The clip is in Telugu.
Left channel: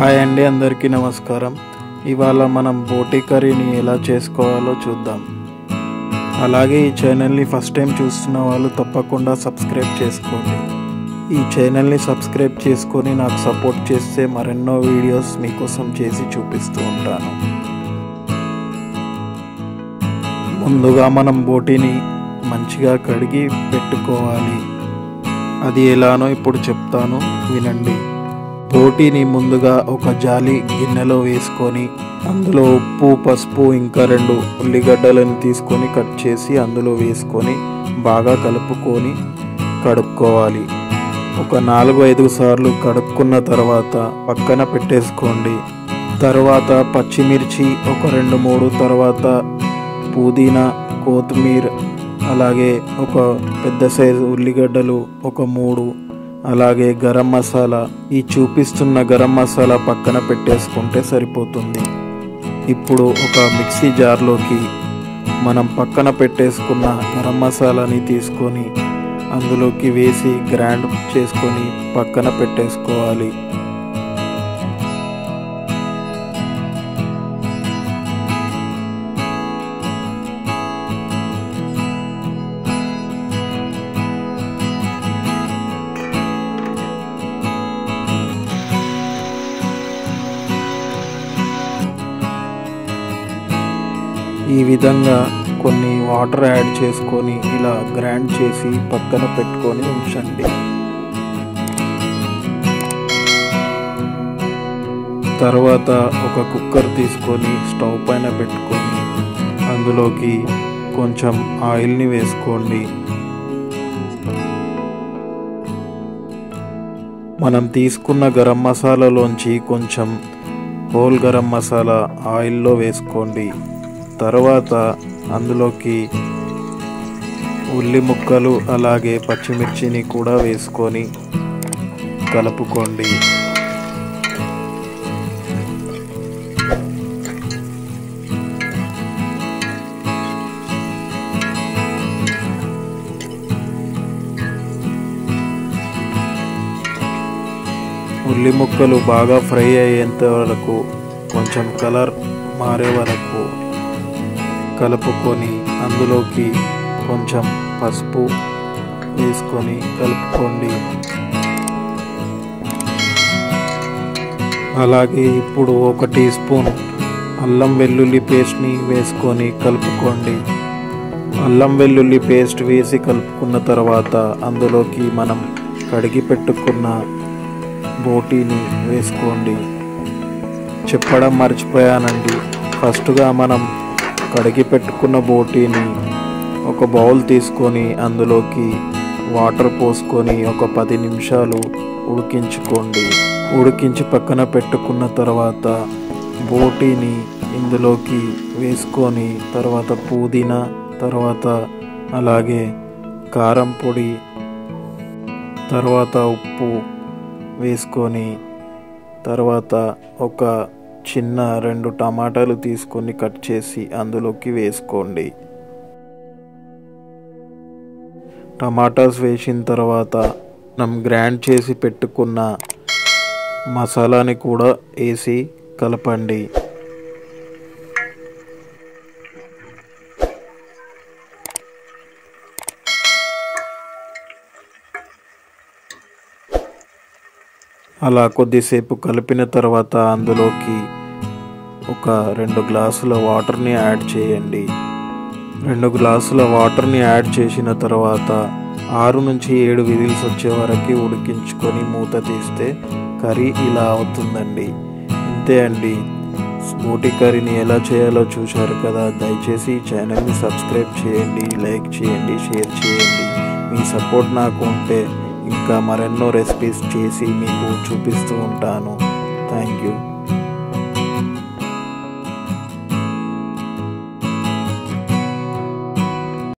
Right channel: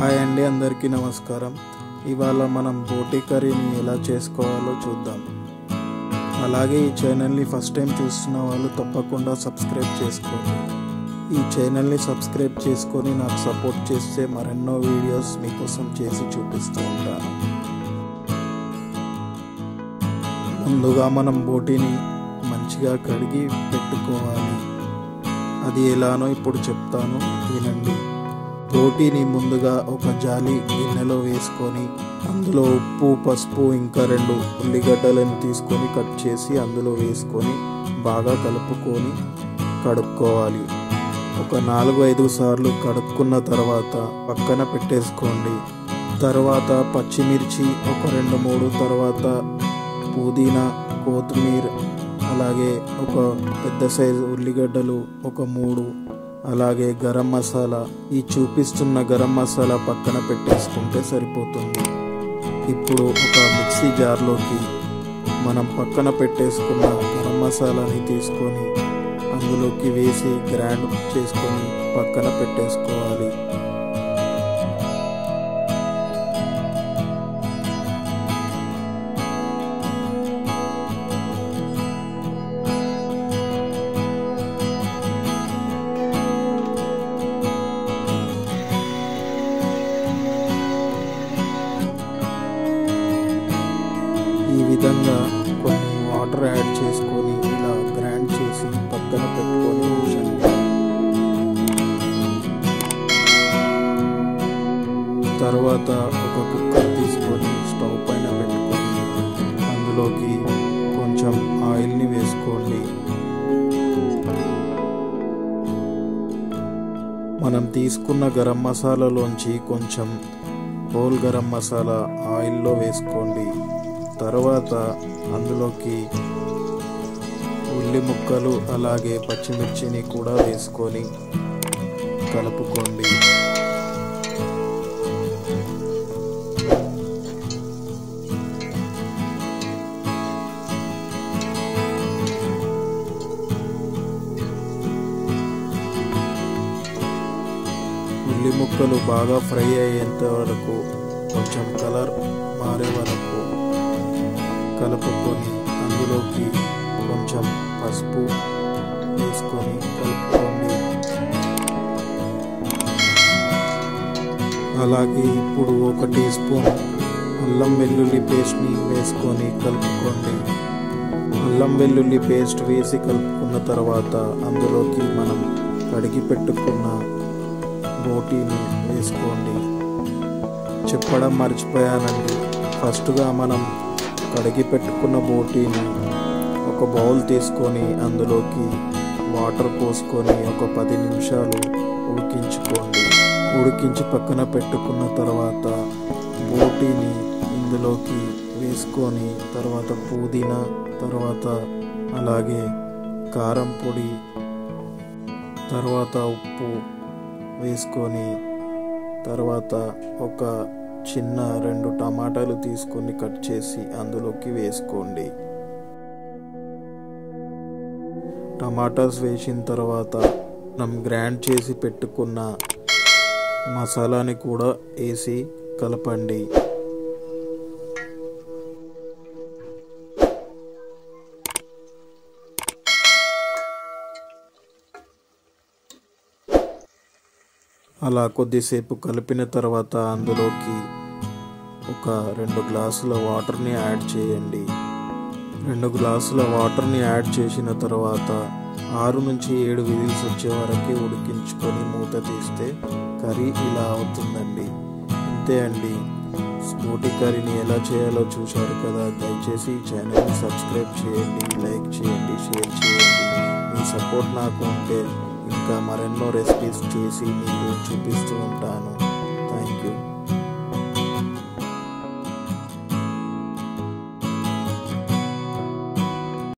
హాయ్ అండి, అందరికీ నమస్కారం. ఇవాళ మనం బోటి కర్రీని ఎలా చేసుకోవాలో చూద్దాం. అలాగే ఈ ఛానల్ని ఫస్ట్ టైం చూస్తున్న వాళ్ళు తప్పకుండా సబ్స్క్రైబ్ చేసుకోండి. ఈ ఛానల్ని సబ్స్క్రైబ్ చేసుకొని నాకు సపోర్ట్ చేస్తే మరెన్నో వీడియోస్ మీకోసం చేసి చూపిస్తూ ఉంటాను. ముందుగా మనం బోటిని మంచిగా కడిగి పెట్టుకోవాలి. అది ఎలానో ఇప్పుడు చెప్తాను, వినండి. బోటిని ముందుగా ఒక జాలి గిన్నెలో వేసుకొని అందులో ఉప్పు, పసుపు, ఇంకా 2 ఉల్లిగడ్డలను తీసుకొని కట్ చేసి అందులో వేసుకొని బాగా కలుపుకొని కడుక్కోవాలి. ఒక 4-5 సార్లు కడుక్కున్న తర్వాత పక్కన పెట్టేసుకోండి. తర్వాత పచ్చిమిర్చి ఒక 2-3, తర్వాత పుదీనా, కొత్తిమీర, అలాగే ఒక పెద్ద సైజు ఉల్లిగడ్డలు ఒక 3, అలాగే గరం మసాలా. ఈ చూపిస్తున్న గరం మసాలా పక్కన పెట్టేసుకుంటే సరిపోతుంది. ఇప్పుడు ఒక మిక్సీ జార్లోకి మనం పక్కన పెట్టేసుకున్న గరం మసాలాని తీసుకొని అందులోకి వేసి గ్రైండ్ చేసుకొని పక్కన పెట్టేసుకోవాలి. ఈ విధంగా కొన్ని వాటర్ యాడ్ చేసుకొని ఇలా గ్రైండ్ చేసి పక్కన పెట్టుకొని ఉంచండి. తర్వాత ఒక కుక్కర్ తీసుకొని స్టవ్ పైన పెట్టుకొని అందులోకి కొంచెం ఆయిల్ని వేసుకోండి. మనం తీసుకున్న గరం మసాలాలోంచి కొంచెం హోల్ గరం మసాలా ఆయిల్లో వేసుకోండి. తర్వాత అందులోకి ఉల్లి ముక్కలు అలాగే పచ్చిమిర్చిని కూడా వేసుకొని కలుపుకోండి. ఉల్లి ముక్కలు బాగా ఫ్రై అయ్యేంత వరకు, కొంచెం కలర్ మారే వరకు కలుపుకొని అందులోకి కొంచెం పసుపు వేసుకొని కలుపుకోండి. అలాగే ఇప్పుడు 1 టీ స్పూన్ అల్లం వెల్లుల్లి పేస్ట్ని వేసుకొని కలుపుకోండి. అల్లం వెల్లుల్లి పేస్ట్ వేసి కలుపుకున్న తర్వాత అందులోకి మనం కడిగి పెట్టుకున్న బోటీని వేసుకోండి. చెప్పడం మర్చిపోయానండి, ఫస్ట్గా మనం కడిగి పెట్టుకున్న బోటీని ఒక బౌల్ తీసుకొని అందులోకి వాటర్ పోసుకొని ఒక 10 నిమిషాలు ఉడికించుకోండి. ఉడికించి పక్కన పెట్టుకున్న తర్వాత బోటీని ఇందులోకి వేసుకొని తర్వాత పుదీనా, తర్వాత అలాగే కారం పొడి, తర్వాత ఉప్పు వేసుకొని తర్వాత ఒక చిన్న 2 టమాటాలు తీసుకొని కట్ చేసి అందులోకి వేసుకోండి. టమాటాస్ వేసిన తర్వాత మనం గ్రైండ్ చేసి పెట్టుకున్న మసాలాని కూడా వేసి కలపండి. అలా కొద్దిసేపు కలిపిన తర్వాత అందులోకి ఒక 2 గ్లాసుల వాటర్ని యాడ్ చేయండి. 2 గ్లాసుల వాటర్ని యాడ్ చేసిన తర్వాత 6 నుంచి 7 విజిల్స్ వచ్చే వరకు ఉడికించుకొని మూత తీస్తే కర్రీ ఇలా అవుతుందండి. అంతే అండి, బోటి కర్రీని ఎలా చేయాలో చూశారు కదా. దయచేసి ఈ ఛానల్ని సబ్స్క్రైబ్ చేయండి, లైక్ చేయండి, షేర్ చేయండి. మీ సపోర్ట్ నాకు ఉంటే ఇంకా మరెన్నో రెసిపీస్ చేసి మీకు చూపిస్తూ ఉంటాను. Thank you.